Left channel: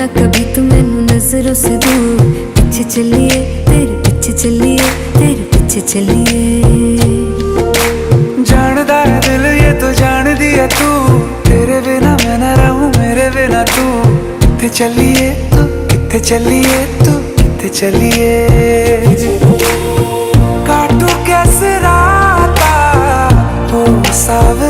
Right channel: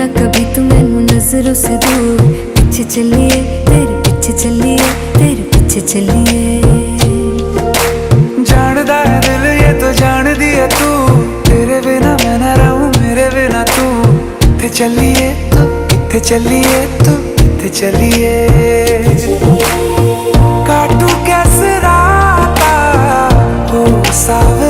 ना कभी तू मैनू नजरों से दूर, पीछे चलिए तेरे पीछे चलिए तेरे पीछे चलिए। जानदा है दिल ये तो जान दिया तू, तेरे बिना मैं ना रहूं मेरे बिना तू। किथे चलिए तू किथे चलिए तू किथे चलिए। काटू कैसे राता हो सावे